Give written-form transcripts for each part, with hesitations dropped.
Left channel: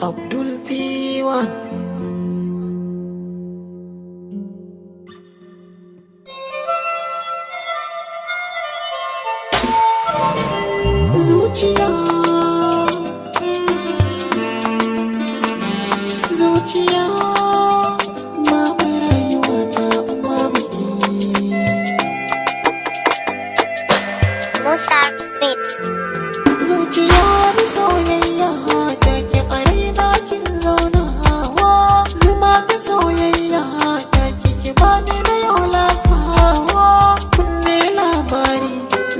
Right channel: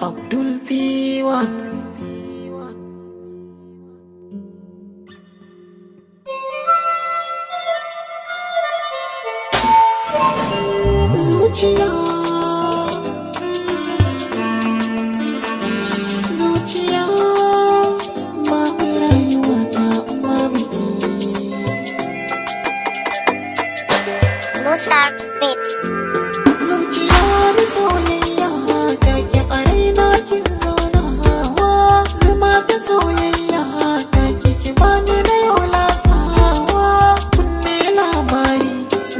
Abdul P1. Zuciya, zuciya, babu rayuwa ta babu ke. Zuciya da soyayya take a raina kin zauna hawa, zuma ta soyayya take ki bani na yau lasawa. Kunne labari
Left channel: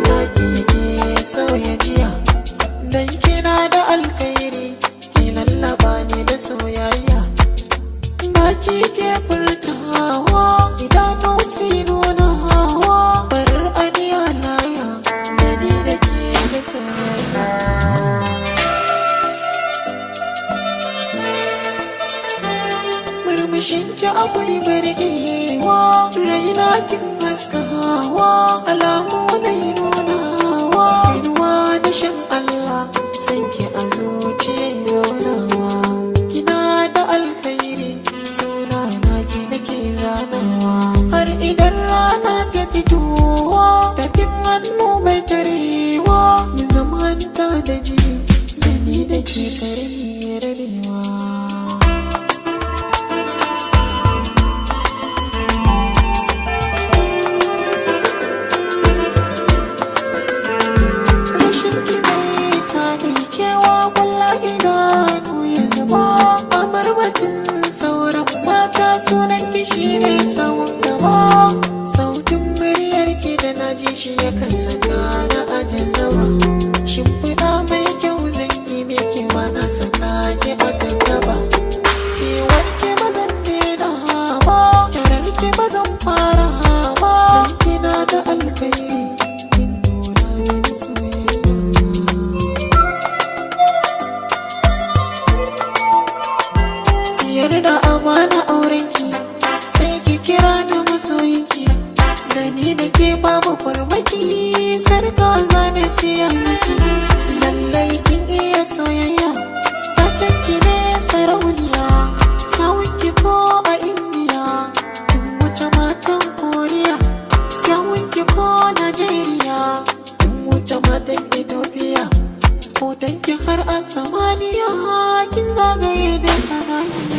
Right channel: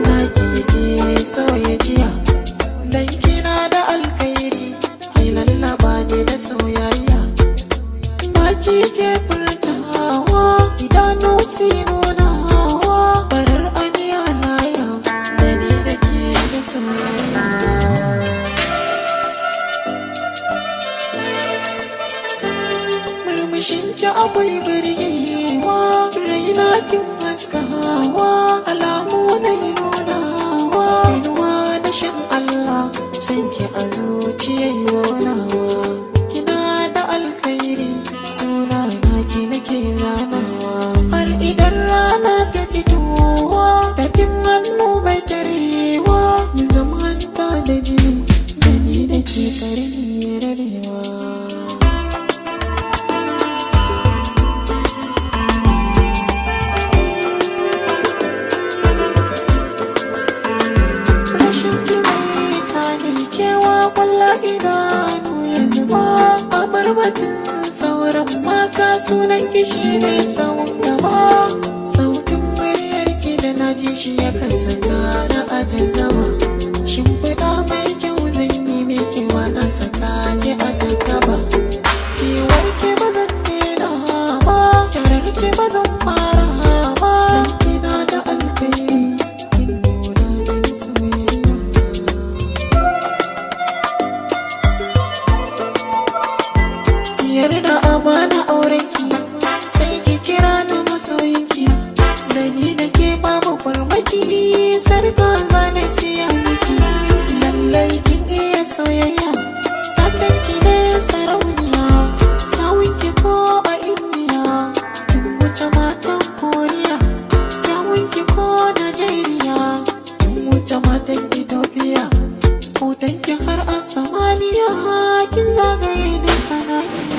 na ke sauya jiya, dan kina da alkhairi ki lallaba ni da soyayya. Baki ke furtawa, idanu si nuna hawa, farar aniya laya da ni da ke da soyayya. Murmushinki akwai birgewa, raina kin haskawa, alamu na nunawa, inuwa da shan Allah, sanki a zuciyar zaunawa. Kina da alkhairi, suna naki nake zanawa, har idan rana ta fitowa, tafin hannu bai tarewa, mu zamanta da jini, da ni da ke karni rabewa. Rashinki zai sa ni kewa, kwalla idanu ya zuba, a barbatin sauran mata sunan ki shine sawun gaba. Sautin muryarki da na ji shi yakan saka na ajazaba, shimfiɗa mai kyau zan yi miki na saka ki a gaba. Kewarki ba zan daina ba, kyararki ba zan fara ba, dan kina da alkhairi kin nuna mini soyayya. Yarda a bana aurenki, sai ki kira ni masoyinki, da ni da ke babu farmaki, sarka zane siya miki. Lallai kin iya soyayya, takenki ne sarauniya, kyawunki ko a Indiya, kin wuce matan Koriya, kyawunki ko Najeriya, kin wuce matan Ethiopia, hotonki har a samaniya, kin zagaye duka nahiya.